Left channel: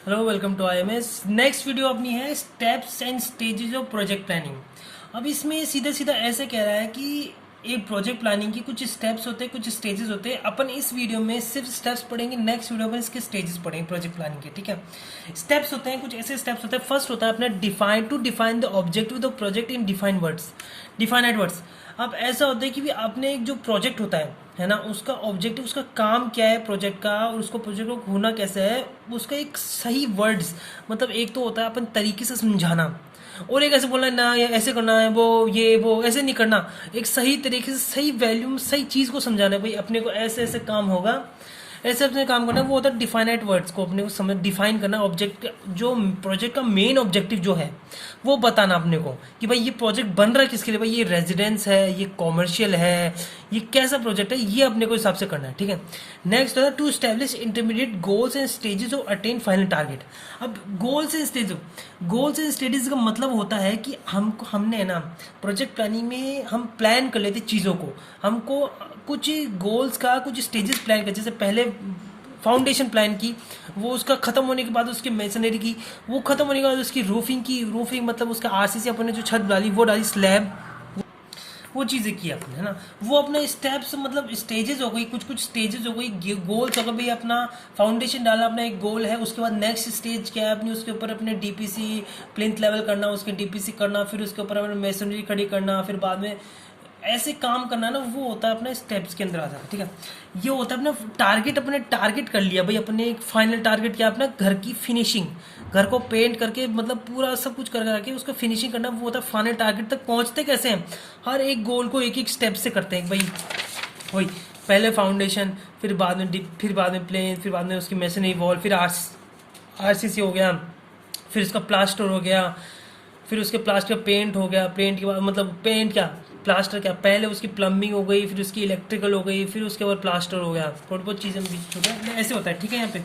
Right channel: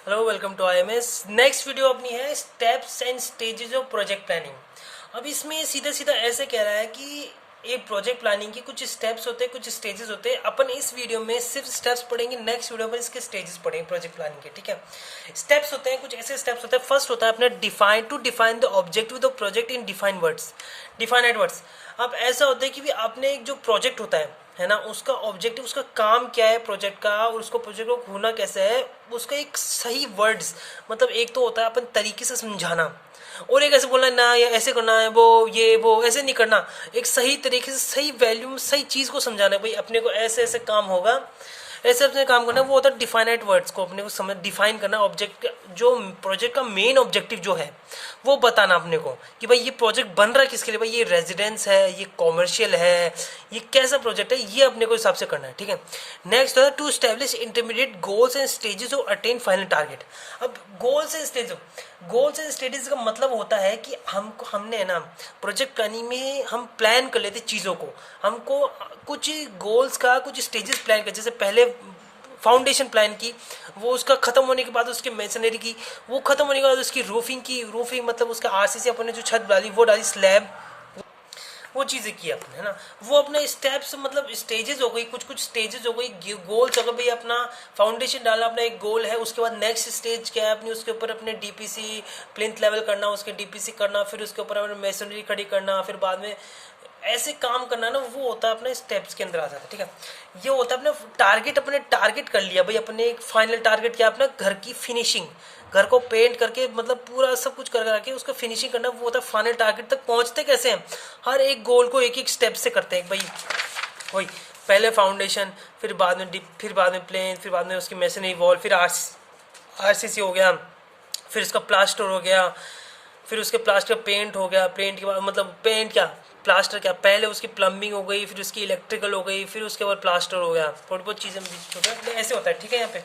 Hello, welcome to IMS. Next video अपनी है steps and stages of project planning. अब इसमें सीधा सीधा ऐसे कह रहा है कि ये प्रोजेक्ट प्लानिंग की कुछ स्टेप्स होते हैं, कुछ स्टेजेस होते हैं। अपन इस वीडियो में सिर्फ स्टेप्स पढ़ेंगे, नेक्स्ट वीडियो में इसके स्टेजेस पढ़ेंगे प्रोजेक्ट प्लानिंग के। ठीक है, स्टेप्स होते हैं, कुछ ऐसे स्टेप्स होते हैं। फर्स्ट होता है अपने define the objective of the project in define words, defined words. अब ऐसा होता है कि भी आपने एक जो प्रोजेक्ट होता है ना, उसका ऑब्जेक्टिव, उसका काम क्या है प्रोजेक्ट का, और उसको प्रोजेक्ट को होना कैसे है, उसका एक सही वर्ड्स, मतलब एक तो होता है अपन तरीके से समझाना, और एक ऐसे बोलना ना ये ऐसे करना है, वो ऐसे नहीं करना। एक सही तरीके से सही वैल्यू सही चीज़ को समझाना है, भाई अपने को ऐसे ऐसे काम होगा, ऐसे अपने काम करना है। वो होता है डिफाइनेट वर्ड्स को अपने को समझ डिफाइन करना, ऑब्जेक्ट जो प्रोजेक्ट का मेन ऑब्जेक्टिव जो है वो बताना अपने को कि भाई ये प्रोजेक्ट बन रहा है किसके लिए, भाई ये रेजिडेंस है, ये कॉमर्शियल है, ये कैसा प्रोजेक्ट है, ये अपने को हिसाब से करना है। ठीक है, नेक्स्ट है to establish intermediate goals and stages of attain final target. अब गोल्स एंड स्टेजेस का मतलब होता है कि हमने ना प्रोजेक्ट प्लानिंग में हम प्लान कर लेते चीज़ों को, हमको कुछ गोल्स का कुछ स्टेजेस प्लान कर, जैसे पहले फाउंडेशन प्लान की, वो उसका खत्म होने के बाद उसकी मेसनरी की, वो खत्म होने के बाद उसकी रूफिंग मतलब उसका आरसीसी अपन ने जो छत डाली वो डाली, स्लैब, वो चीज़ें की आपने, है ना। वो अपने स्टेप्स मतलब स्टेजेस हो गई, कुछ कुछ स्टेजेस हो गई, गोल्स हो गए। भाई अपना फाउंडेशन डाला, अपना एक गोल है, उसके बाद नेक्स्ट स्टेज क्या है अपनी, उसके ऊपर अपने डीपीसी प्लिंथ लेवल करना, उसके डीपीसी करना, फिर उसके ऊपर अपने मेसनरी खड़ी करना, फिर बाद में ऐसे काम करना ना, वो होता है अपने स्टेप्स के अंदर आ जाता है। ठीक है, ये होता है अपना टारगेट, अपने टारगेट कर लिया भाई, अपने एक फाइनल टारगेट क्या, अपना घर की फिनिशिंग, घर को पेंट करके मतलब पूरा सब कुछ कर करके उसका फिनिशिंग करना, वो होता है फाइनल टारगेट तक पहुंचते कैसे हैं। हर एक गोल को एक एक स्टेप से करते हैं भाई, वही पहले फाउंडेशन, फिर बाद में डिप, फिर बाद में प्लेन, फिर बाद में उसकी मेसनरी वॉल, फिर आरसीसी हो गया, फिर इसका प्लास्टर हो गया, फिर उसके प्लास्टर पेंट हो गया, पेंट के बाद मतलब पेंट क्या प्लास्टर क्या, पहले उसकी प्लम्बिंग हो गई, फिर उसकी इलेक्ट्रिकल हो गई, फिर उसके बाद प्लास्टर हो गया, थोड़ी बहुत चीज़ें बीच होता है, ऐसे होता है। ठीक है, यहाँ पे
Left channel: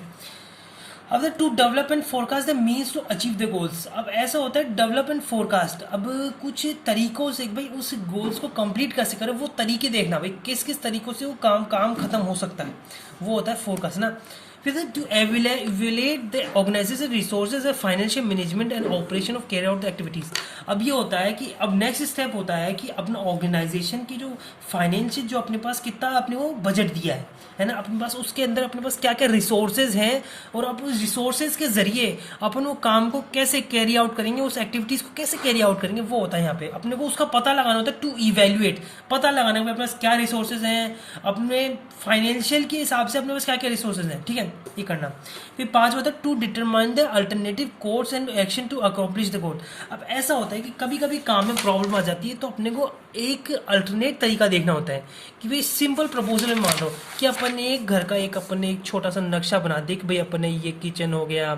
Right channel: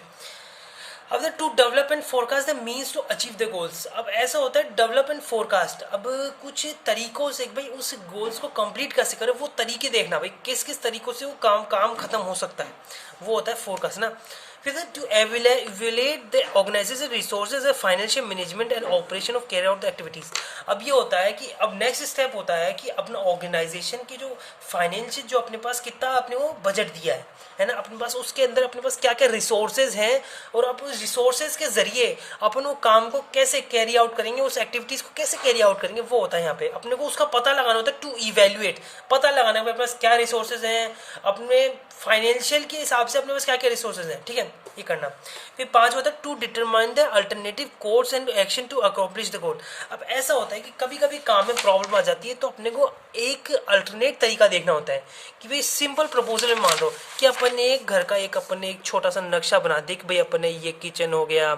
अब the to develop and forecast the means to achieve the goals. अब ऐसा होता है डेवलप एंड फोरकास्ट, अब कुछ तरीकों से भाई उस गोल्स को कंप्लीट कैसे करें, वो तरीके देखना भाई, किस किस तरीकों से वो काम खत्म हो सकता है, वो होता है फोरकास्ट ना। फिर to evaluate the organisation resources and financial management and operation of carry out the activities. अब ये होता है कि अब नेक्स्ट स्टेप होता है कि अपना ऑर्गेनाइजेशन की जो फाइनेंशियल जो अपने पास कितना अपने को बजट दिया है ना, अपने पास उसके अंदर अपने पास क्या क्या रिसोर्सेज हैं, और अब उस रिसोर्सेज के जरिए अपन वो काम को कैसे कैरी आउट करेंगे, उस एक्टिविटीज को कैसे कैरी आउट करेंगे, वो होता है यहाँ पे अपने को उसका पता लगाना होता है। टू इवेल्युएट, पता लगाना है अपने पास क्या रिसोर्सेज हैं, अपने फाइनेंशियल के हिसाब से अपने पास क्या क्या रिसोर्सेज हैं। ठीक है, ये करना। फिर 5 होता है to determine the alternative course and action to accomplish the goal. अब ऐसा होता है कि कभी कभी काम में प्रॉब्लम आ जाती है, तो अपने को एक अल्टरनेट तरीका देखना होता है कि भाई सिंपल प्रपोजल में मान लो कि अपन ने एक घर का अपन ने एक छोटा सा नक्शा बना दिया कि भाई अपन ने ये किचन हो गया,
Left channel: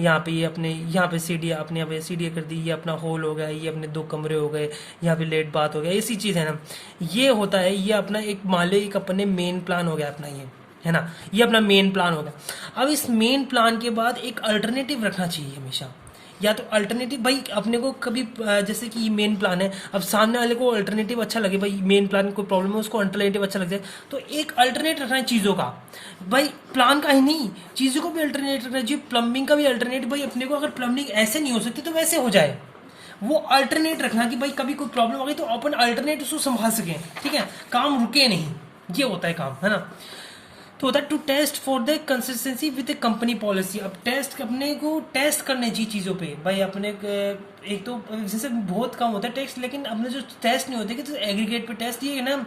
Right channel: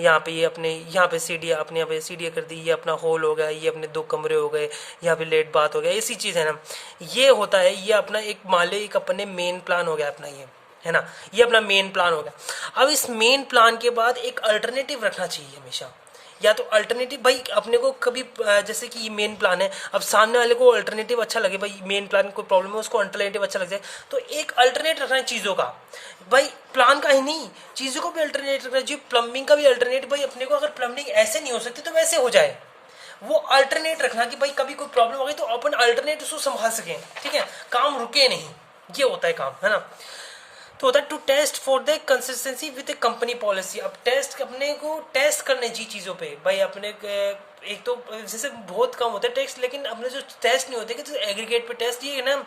यहाँ पे ये अपने यहाँ पे सीढ़ियाँ, अपने यहाँ पे सीढ़ियाँ कर दी, ये अपना हॉल हो गया, ये अपने 2 कमरे हो गए, यहाँ पे लेट बात हो गया, ऐसी चीज़ है ना। ये होता है, ये अपना एक मान लो एक अपने मेन प्लान हो गया अपना, ये है ना, ये अपना मेन प्लान होगा। अब इस मेन प्लान के बाद एक अल्टरनेटिव रखना चाहिए हमेशा, या तो अल्टरनेटिव भाई अपने को कभी जैसे कि ये मेन प्लान है, अब सामने वाले को अल्टरनेटिव अच्छा लगे, भाई मेन प्लान में कोई प्रॉब्लम है उसको अल्टरनेटिव अच्छा लग जाए, तो एक अल्टरनेट रखना है चीज़ों का, भाई प्लान का ही नहीं, चीज़ों को भी अल्टरनेट रखना चाहिए, प्लम्बिंग का भी अल्टरनेट, भाई अपने को अगर प्लम्बिंग ऐसे नहीं हो सकती तो वैसे हो जाए, वो अल्टरनेट रखना कि भाई कभी कोई प्रॉब्लम हो गई तो अपन अल्टरनेट उसको संभाल सकें। ठीक है, काम रुके नहीं, ये होता है काम, है ना। तो होता है to test for the consistency with the company policy. अब टेस्ट अपने को टेस्ट करने चाहिए चीज़ों पे भाई, अपने एक तो जैसे बहुत कम होता है टेस्ट, लेकिन अपने जो टेस्ट नहीं होते कि एग्रीगेट पे टेस्ट, ये ना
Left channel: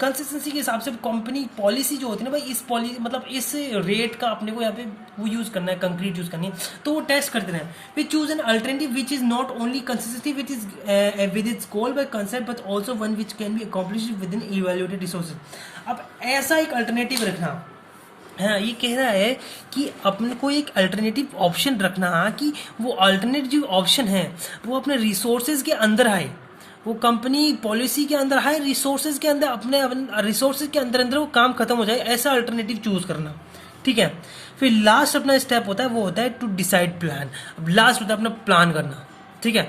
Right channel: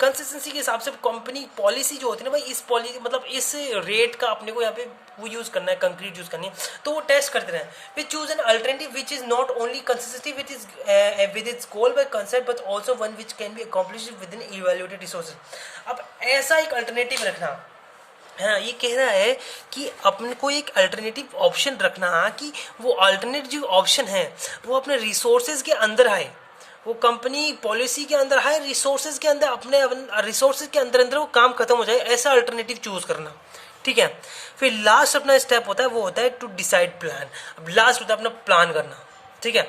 कंसिस्टेंसी के हिसाब से कंपनी पॉलिसी जो होती है ना भाई, इस पॉलिसी मतलब इस रेट का अपने को यहाँ पे वो यूज़ करना है, कंक्रीट यूज़ करनी है, तो वो टेस्ट करते रहे। फिर choose an alternative which is not only consistency with its goal by concept but also one which can be accomplish with in evaluated resources. अब ऐसा एक अल्टरनेटिव रखना है ना, ये कह रहा है कि अपने को एक अल्टरनेटिव ऑप्शन रखना कि वो अल्टरनेटिव ऑप्शन है वो अपने रिसोर्सेज के अंदर आए, वो कंपनी पॉलिसी के अंदर है, रिसोर्सेज के अंदर, अपने रिसोर्सेज के अंदर अंदर वो काम खत्म हो जाए, ऐसा अल्टरनेटिव चूज करना। ठीक है, फिर लास्ट अपना स्टेप होता है वो होता है टू डिसाइड प्लान। अब लास्ट होता है अपना प्लान करना। ठीक है,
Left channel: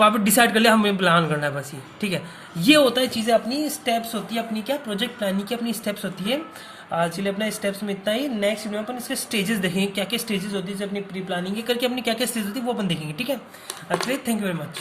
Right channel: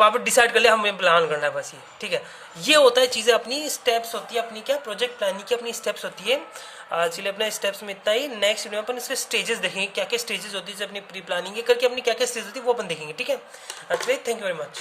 आप डिसाइड कर लिया हमें प्लान करना है बस ये। ठीक है, ये होता है चीज़ें, अपनी स्टेप्स होती है, अपनी क्या प्रोजेक्ट प्लानिंग की अपनी स्टेप्स होती है। चलिए अपने स्टेप्स में इतना ही। नेक्स्ट वीडियो में अपन इसके स्टेजेस देखेंगे, क्या क्या स्टेजेस होती है, जैसे अपनी प्री प्लानिंग करके अपनी क्या क्या स्टेज होती है वो अपन देखेंगे, ठीक है। चलिए, थैंक यू वेरी मच।